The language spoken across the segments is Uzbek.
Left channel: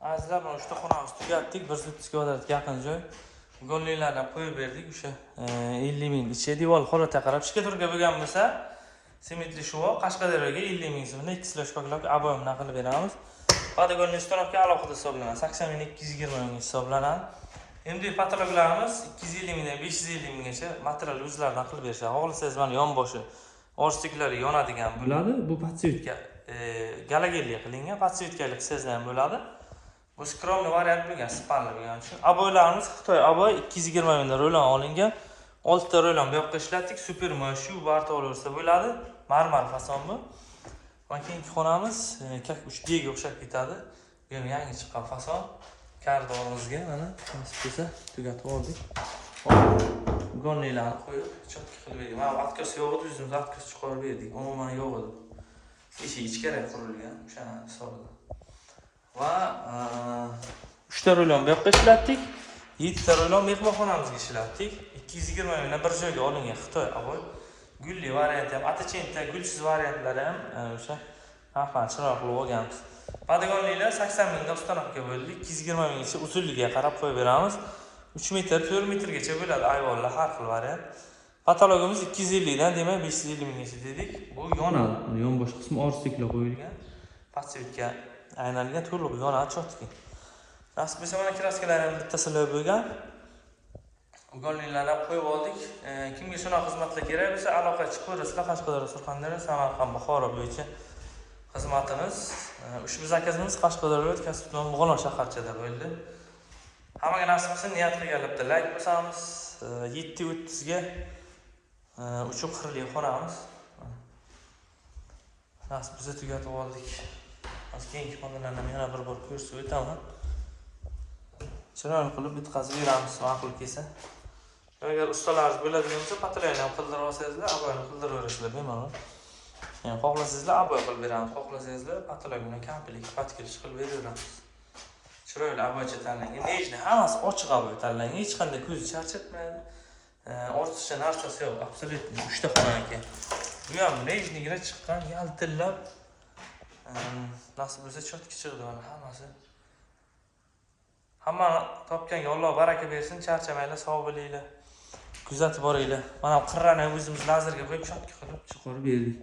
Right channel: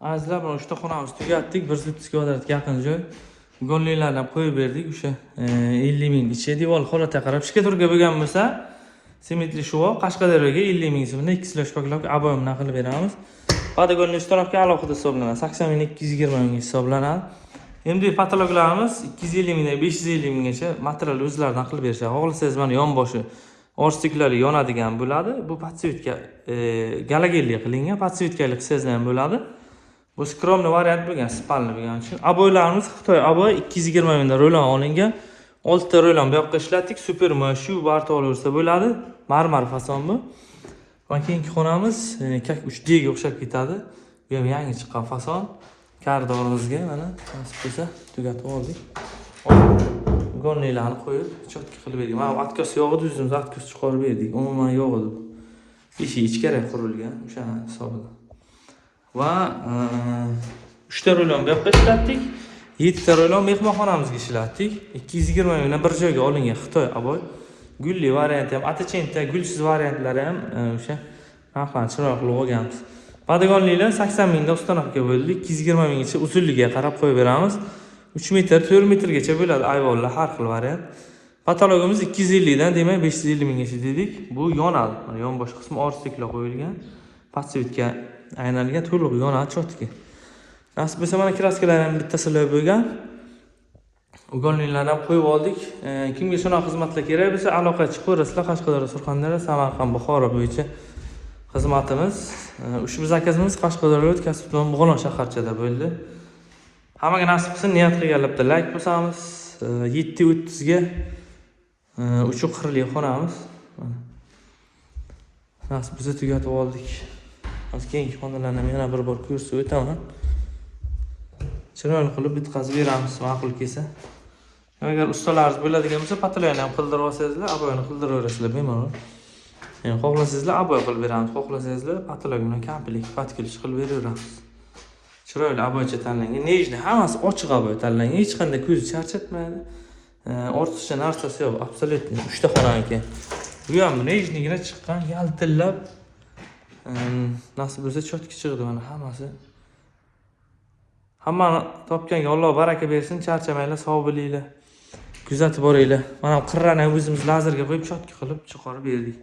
Azizlar, mana uchta xonamizni tugatdik. 130 kvadratga yaqin joy. Gonlilardan qo'yib berdik. O'sha 50 ming ichi devor holatiga qarab shkaturka bo'lgan bo'lsa, sementli shuvo Qashqadaryoga 50 ming so'mdan 2 slosh paklab aboyimdan qilib beramiz. Podogonli uстановка alohida hisoblanadi. 80 ming 220 ming hisoblanadi. MD patologlarimiz 250 mingdan 550 minggacha material o'zlaridan qilib berishadi. Xohlasangiz mana yonboshi orstiklari yonadigan bo'ladi. Bu подсветка galogenli qilingan подсветкали qilsangiz ham bo'ladi. Bu skromli variant bo'lgan, spalni bo'lgani uchun. Aboylarimiz Xitoy aboy 220 mingdan ro'lon olingan. 6 ta ro'lon bu yoqqa ishlatdik. Super shu barta olaversa bo'ladi. Marmar fason bu. Va keyingi xonamiz kak 3D ga o'xshab ketadi. Bu ham yangi chiqqan fason. Korridorimizga mana nasib bo'lsa tugatib oldik. Gonlilarni qo'yib, chotka qilib berdik. Mana atkos yo'q edi, o'zimiz atkos chiqarib berdik. Umuman yo'q edi. Eshik ichkari qurilgan, o'sha hisobidan. Va 3 ta ro'lon bu yoqqa ishlatdik. 7 ta ro'lon mehmonxonamizga ishlatdik. 220 mingdan bir joyga olingan Xitoy aboy. Gulli varianti ham, atachenta, gulsiz variantlari ham o'sha narxlar chiroqli olganmiz. Podogonlilar 80 mingdan uстановка bo'ldi. 220 minggacha uzunligiga qarab qo'yib beramiz. 3 metr, 4 metrgacha bo'ladi ayvonlar, har xil variant. Patologimiz 250 dan, demak 550 minggacha dedik. Bu yonadi. Yonbosh qismi orstiklab qo'yilgan. Подсветка aylangan, to'liq yonadi chotka. Nasib bo'lsa mana kraskalar ham bittasida bo'lgan. Ugonlilardan qo'yib oldik. Kimga shunaqa xizmatlar kerak bo'lsa, aloqa chiqaverasizlar. Qashqadaryo, Surxondaryo, Samarqand, Buxoro bo'yicha xizmatimiz. Ushbu zakazimiz Qashqadaryo Kasb-Don Bug'onoq shaharchada bo'ldi. Hammaga nasib qilsin, niyat qilganlar bilan like bosamiz. 730 ga 340 xonamiz. Nasib bo'lsa tugatib oldik. Hozir keyingi xonalarni yana bir bor ko'rsatib o'taman. Chiroyli qilib bitkazib beramiz, ma'qul kelsa. Agar ustalaringiz bo'ladigan bo'lsa, patologiyani ham qildirib olsangizlar, aboyini qildiraverasizlar bemalol. Yani xohlasangizlar aboy qilib beramiz, xohlasangizlar patologiya bilan komplet patkilish qilib beraveramiz. Chiroyli aboycha tanlangan. Nejni hammasi ochiq aboy tanlangan. Hech qanday ko'z charchatmaydi. Ortiqcha narsasi yo'q, absolutni. 3 ta xonaniki. Bu ham nejnigina chiqqan, yaltillab. Nasib bo'lsa chotka chiqdi mana hammasi. Hammani topganga Alloh baraka bersin, charchamanglar, sog' bo'linglar. Kuzatib boringlar. Mana qirrani o'zimiz lazerga qo'yib chotka qilib chiqarib berdik.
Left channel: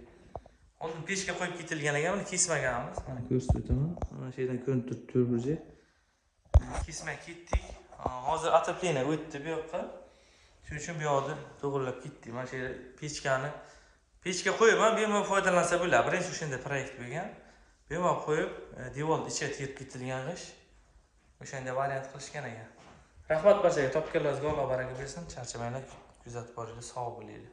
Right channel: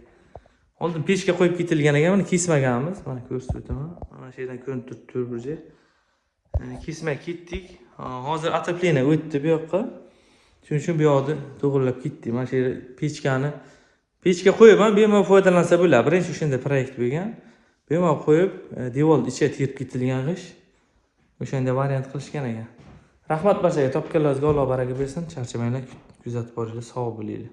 Oldin pechga qo'yib ketilgan ekan, mana kesmaganmiz. Mana ko'rsatib o'taman. Mana shu yerdan ko'rinib turibdi burji. Kesmay ketdik. Hozir otopleniya o'tdi bu yoqqa. Shuning uchun bu yoqni to'g'rilab ketdik. Mana shu yerda pechga qo'yib, bemalol foydalansa bo'ladi. Birinchi o'shanda proyekt bo'lgan. Bemalol qo'yib, devor ichiga terib ketilgan g'ish. O'shanda variant qilishgan ekan. Rahmat barchaga, topganlaringizga Alloh baraka bersin. Charchamanglar, kuzatib boringlar, sog' bo'linglar.